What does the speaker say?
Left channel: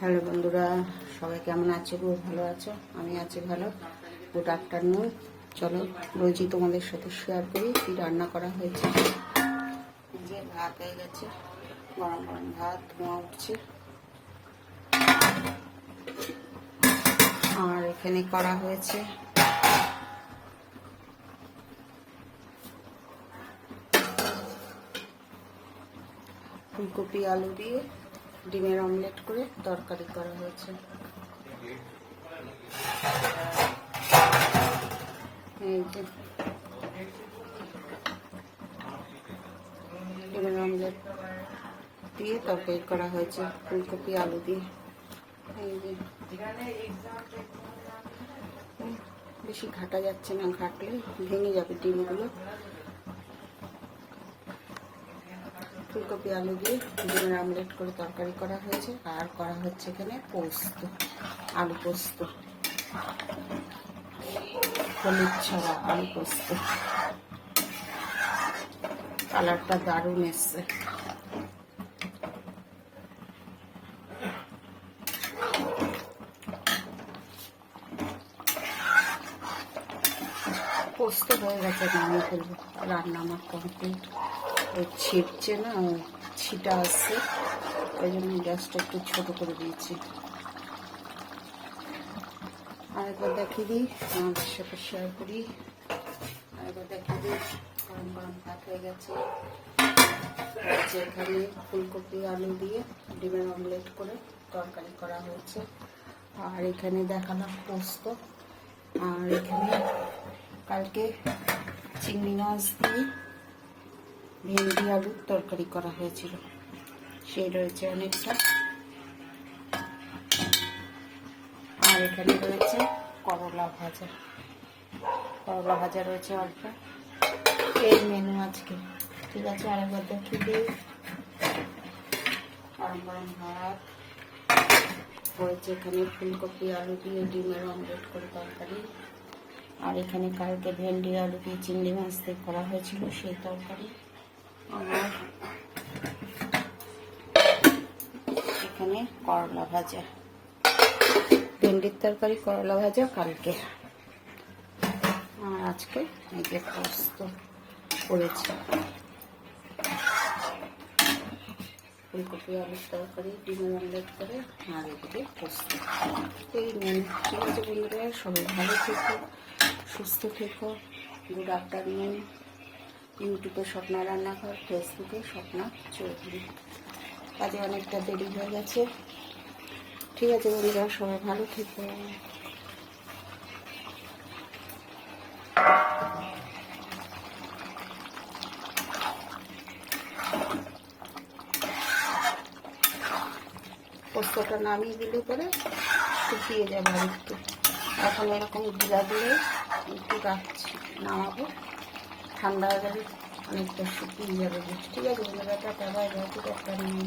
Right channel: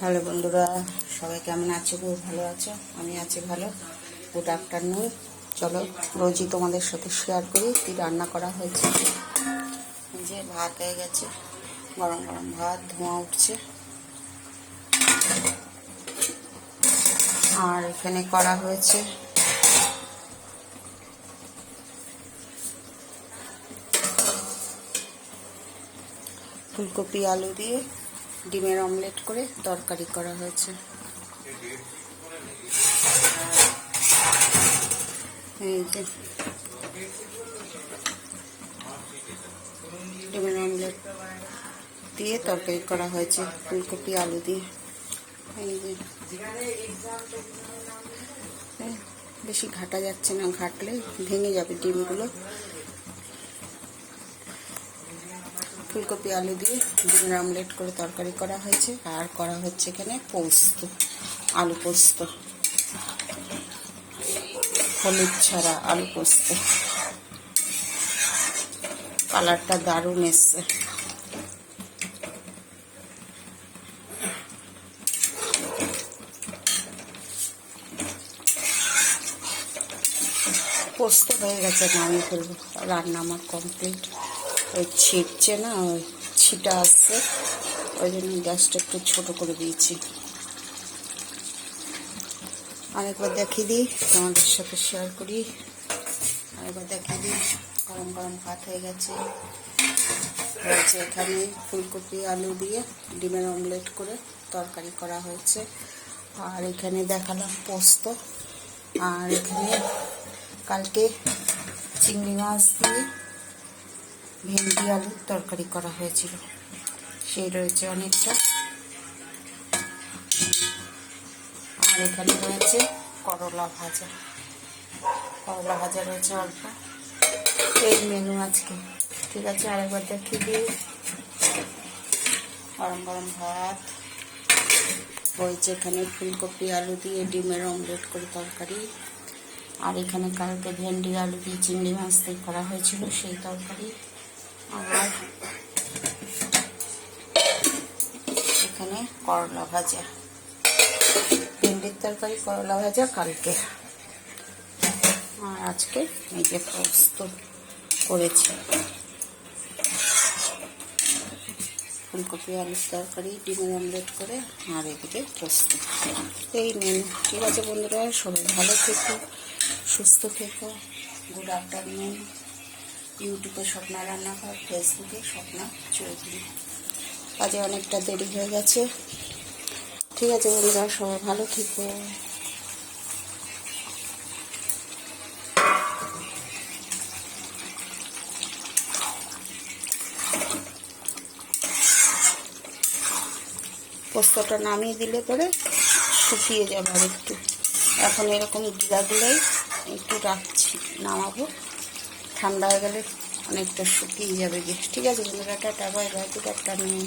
Hello বন্ধুরা, সবাই কেমন আছো? গো ভালো আছো? আমি আছি ভালো। Good afternoon. চলো রোজই তোমাদের সাথে শেয়ার করি কী রান্না করা হয়েছে। এই যে ভাত হয়ে গেছে, গরম গরম ভাত, ধোঁয়া উঠছে। আর এখানে করা হয়েছে ফুলকপি আলু দিয়ে ডিমের অমলেট করে তরকারি করা হয়েছে। এই যে ডিমের অমলেট দিয়ে তরকারি করা হয়েছে ফুলকপি আলু দিয়ে। এই যে বেশি ঘাটা যাচ্ছে না, ঘাটলে ভেঙে যাবে ডিমগুলো। ফুলকপি আলু দিয়ে ডিমের অমলেট করে তরকারি করা হয়েছে। আর করা হচ্ছে এখানে পোস্ত, আলু পোস্ত, হলুদ ছাড়া আলু পোস্ত। কালারটা দারুণ এসছে। পোস্ত হয়ে গেছে, নামিয়ে ফেলবো। রান্না আমার কমপ্লিট। ওই ছিটছে না, ওই ছিটা আসছে, ওই জন্য গ্যাসটা একটু ছোটো করে দিয়েছি। আরেকবার দেখিয়ে দিই, আমাদের সাথে শেয়ার করি। আরেকবার দেখিয়ে দিই, গরম গরম ভাত হয়ে গেছে। এখানে ফুলকপি আলু দিয়ে ডিমের অমলেট করে তরকারি করা হয়েছে। আর এখানে দেখালাম পোস্ত। আর এখানে কালকে চিংড়ি মাছ দিয়ে ভেন্ডি আলুর তরকারি করা হয়েছিল, সেই রয়েছে অনেকটা। আর এখানে রয়েছে করলা ভাজা, করলা ভাজা রয়েছে অল্প। এই মেনু আজকে। ঠিক আছে, আরেকবার দেখিয়ে দিই। গরম গরম ভাত রয়েছে, এখানে ফুলকপি আলু দিয়ে ডিমের অমলেট করে তরকারি। আর এখানে কালকে ভেন্ডি আলু দিয়ে চিংড়ি মাছ দিয়ে করা হয়েছিল সেই তরকারি। আর এখানে করলা ভাজা, ভেন্ডির তরকারি, করলা ভাজা কালকে। আর আজকে এই যে পোস্ত করেছি, ফুলকপি আলুর তরকারি, ডিমের অমলেট করে, আর এদিকে পোস্ত। এই মেনু। ঠিক আছে বন্ধুরা, সবাই ভালো থেকো, সুস্থ থেকো। Good afternoon. ইউটিউবে স্বপ্না রান্নাঘর, ফেসবুকে স্বপ্না চৌধুরী। আজকে অনেকটা দেরি হয়ে গেছে। ঠিক আছে বন্ধুরা, সবাই ভালো থেকো। পোস্তটা নামিয়ে দিলে পরে শুকিয়ে যাবে আর একটু। এখন এরকম গুঁড়া দিলেই একটু রাখছি, নামাবো। ঠান্ডা হয়ে গেলে অনেকটা শুকিয়ে যাবে। ঠিক আছে বন্ধুরা, tata, bye bye, good afternoon.